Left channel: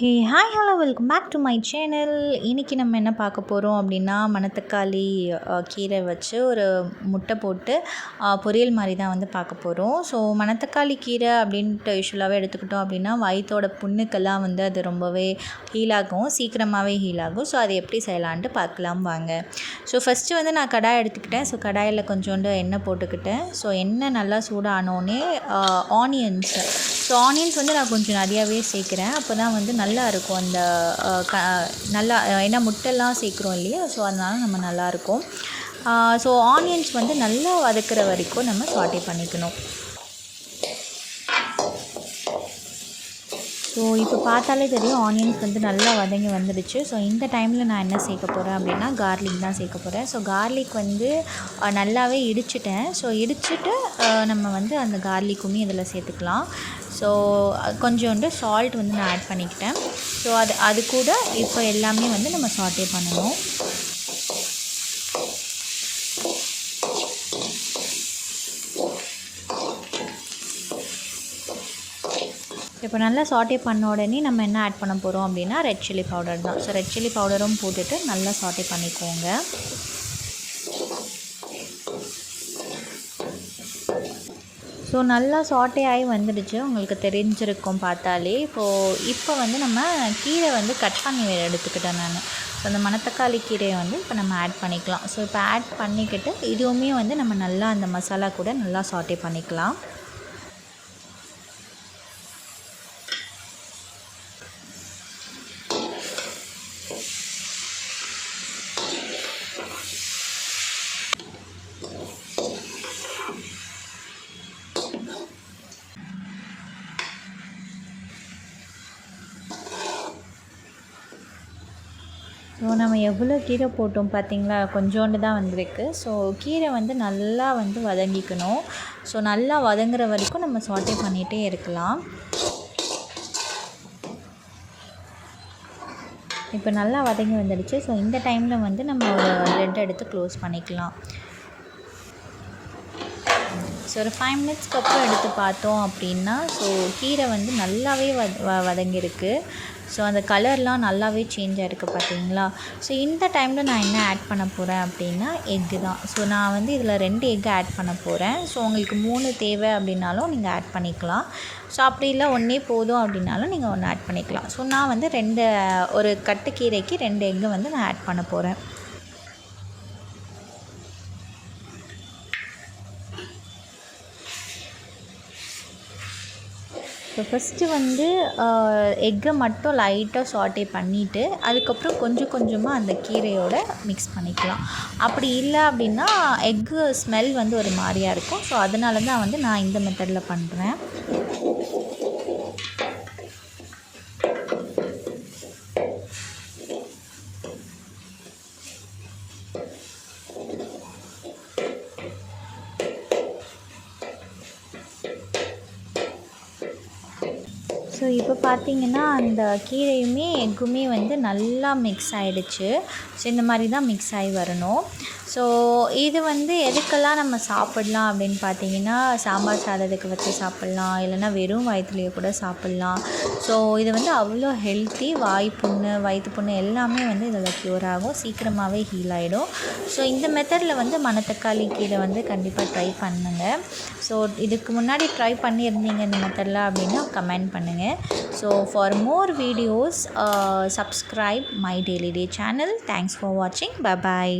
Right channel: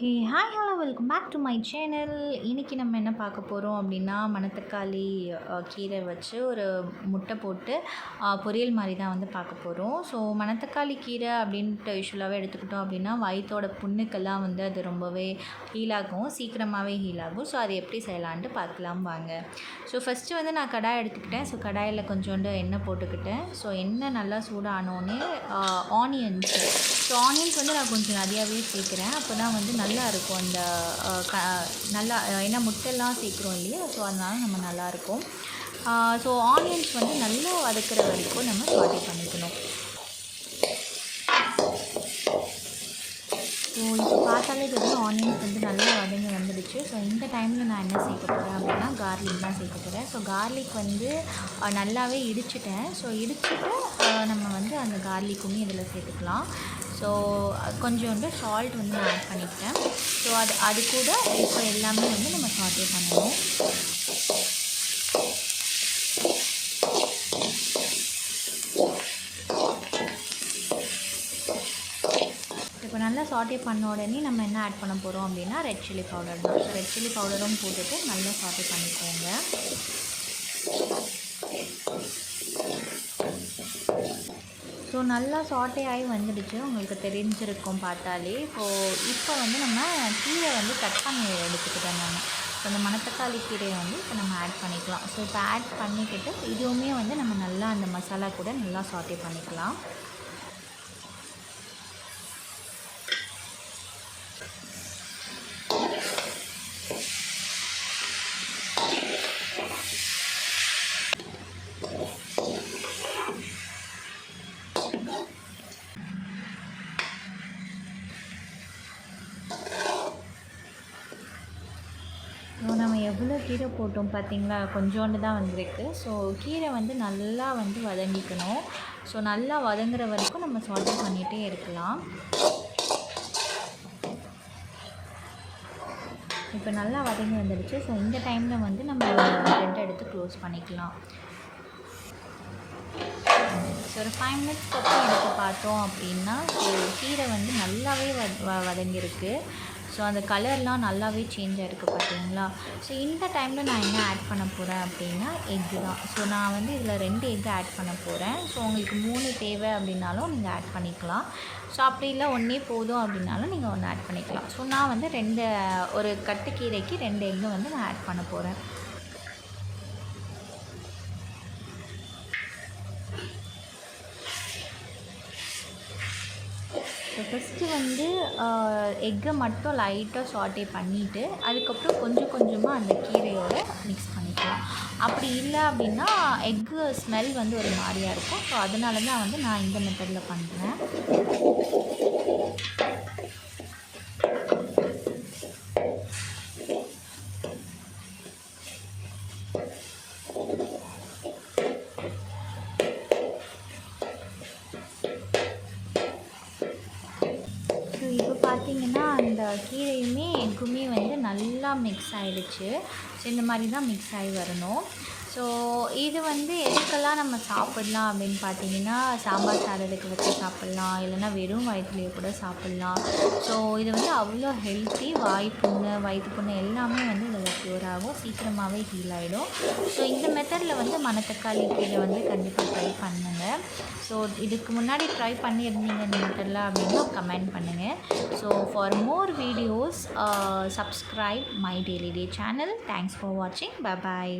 Hey hi hello welcome back to my channel. இன்றைக்கி நம்ம என்ன பார்க்க போகிறோம் அப்படின்னா, மணத்தக்காளி கீரை வச்சு ஒரு முட்டை போட்டு பொரியல் மாதிரி தான் வந்து பார்க்க போகிறோம். ஸோ மணத்தக்காளி கீரை அப்படின்ட்டு யூஸ்வலாகவே எடுத்துக்கிட்டோம் அப்படின்னா வயிற்றோட புண்ணுக்கெல்லாம் வந்து அது ரொம்பவே ஹீல் ஆகும், சீக்கிரமாகவே ஹீல் ஆகும். ஸோ அது எப்படி செய்யலான்ட்டு பார்க்கலாம் வாங்க. ஸோ ஃபஸ்ட்டு வந்து நான் கடாய் எடுத்துக்கிட்டேன். ஸோ கடாயில் கொஞ்சோண்டு எண்ணெய் போட்டுக்கிட்டேன். ஸோ எண்ணெய் நல்லா சூடானோடனே ஸோ ஆனியன்ஸ் வந்து நான் கொஞ்சம் நிறையாவே சேர்க்குறேன். அப்போ தான் வந்து நல்லா இருக்கும் அந்த நல்லா, ஏன்னா முட்டைலாம் சேர்க்குறோம் இல்லையா, ஸோ அதனால் நம்ம நல்லாயிருக்கும். ஸோ ஆனியன்ஸ் வந்து நல்லா வதக்கிற வரைக்கும் நம்ம சாட்டே பண்ணிக்கணும். ஸோ இப்போ பார்த்தாலே தெரியும் ஆனியன்ஸ் வந்து நல்லா வதங்கி வந்துடுச்சு. ஸோ இந்த டைமில் நான் என்ன சேர்க்க போகிறேன் அப்படின்னா கார்லிக் தான் சேர்க்க போகிறேன். ஸோ கார்லிக் வந்து நல்லாவே இடிச்சிட்டேன். ஸோ இடிச்சிட்டு நம்ம வந்து அந்த கார்லிக்குமே இதில் சேர்த்துக்கலாம். ஸோ கொஞ்சோண்டு சால்ட் வந்து நான் ஆட் பண்ணிக்கிட்டேன். ஸோ அது கூட இப்போ எல்லாமே வந்து நம்ம சாட்டே பண்ணணும். இப்போ நல்லா சாட்டே பண்ண உடனே நம்ம என்ன ஆட் பண்ண போகிறோம் அப்படின்னா ரெட் சில்லி பவுடர் தான். ஸோ ரெட் சில்லி பவுடரும் போட்டுட்டு நல்லா சாட்டே பண்ணிக்கோங்க. ஸோ நல்லா சாட்டே ஆகி வந்துடுச்சு, உங்களுக்கு தெரிஞ்சிருக்கும் பார்த்தாலே. இப்போ வந்து நம்ம கீரை வந்து கட் பண்ணி எடுத்துக்கிட்டேன் நான். ஸோ அந்த மணத்தக்காளி கீரையை வந்து இப்போ நம்ம ஆட் பண்ணிக்கலாம். ஸோ இப்போ ஆட் பண்ணிக்கிட்டு இதுவுமே வந்து நம்ம நல்லா அந்த மசாலா கூட நல்லா சாட்டே பண்ணிக்கலாம். ஸோ நம்ம எவ்வளோ கீரை போட்டோம் பார்த்திங்களா, கொஞ்சோண்டு தான் வந்திருக்கு. ஸோ கீரை வந்து நல்லா வந்து வதங்கிக்கணும். ஸோ நல்லா வதங்குற வரைக்கும் நம்ம சாட்டே பண்ணிகிட்டே இருக்கலாம். இப்போ நல்லா வதங்கி வந்துடுச்சு. ஸோ இந்த டைமில் வந்து நம்ம ப்ரெட் எடுத்து க்ளோஸ் பண்ணிக்கலாம். ஸோ ஒரு 5 மினிட்ஸ்க்கு அப்புறம் எடுத்து பார்த்தோம் அப்படின்னா ஸோ கீரை வந்து நல்லாவே வதங்கியிருக்கு. ஸோ அந்த கலர்லாம் நல்லாவே சேஞ்ச் ஆகிருக்கு பார்த்தீங்களா. ஸோ இந்த டைமில் நான் என்ன ஆட் பண்ண போகிறேன் அப்படின்னா எக்கு தான். ஸோ நான் வந்து இதில் 2 எக்கு ஆட் பண்ண போகிறேன். ஸோ உங்களுக்கு 3 தேவை அப்படின்னாலும் நீங்கள் ஆட் பண்ணிக்கலாம். ஸோ அப்படி இல்லை 1 போதும் அப்படின்னாலும் நீங்கள் 1 ஆட் பண்ணிக்கலாம். ஸோ நான் வந்து ஒரு கட்டு கீரைக்கு 2 எக்கு வந்து நான் ஆட் பண்ண போகிறேன். ஸோ ஃபஸ்ட்டு வந்து எக்கை மட்டும் லைட்டாக சாட்டே பண்ணிவிட்டு அதுக்கப்புறம் கொஞ்சம் கொஞ்சமாக அந்த கீரையோட மிக்ஸ் பண்ணிக்கலாம். அப்படி இல்லை அப்படின்னா எக்கு ஸ்மெல் வந்து ஒரு மாதிரியாக இருக்கும். ஸோ அதனால தான் வந்து நான் இந்த மெத்தடில் பண்ணுறேன். ஸோ இப்போ பார்த்திங்கன்னா அந்த கீரையுமே எக்குமே வந்து நல்லா மிக்ஸ் ஆகிடுச்சு. ஸோ இந்த மாதிரி தான் மிக்ஸ் ஆகி வரணும். ஸோ இது வந்து எதுக்கெல்லாம் நம்ம சாப்பிட்லாம் அப்படின்னு பார்த்தீங்கன்னா, சாம்பார் சாதத்துக்கு வச்சு சாப்பிட்லாம், இல்லைனா வெறும் வயிற்றுலையே கூட சாப்பிட்லாம். ஸோ இது வந்து அவ்வளோ ஹெல்த்தி. வயிற்று புண்ணு எல்லாமே வந்து இதில் க்யூர் ஆகும், சீக்கிரமாகவே ஹீல் ஆகிடும். ஸோ இந்த மெத்தடில் வந்து மணத்தக்காளி கீரை வந்து கண்டிப்பாக ட்ரை பண்ணுங்கள். ஸோ இதுக்கு முன்னாடி ட்ரை பண்ணியிருந்தீங்க இந்த மெத்தடில் அப்படின்னா கமெண்ட் பண்ணுங்கள். So for more videos, subscribe my Daily Day channel. Thanks for watching. Bye bye.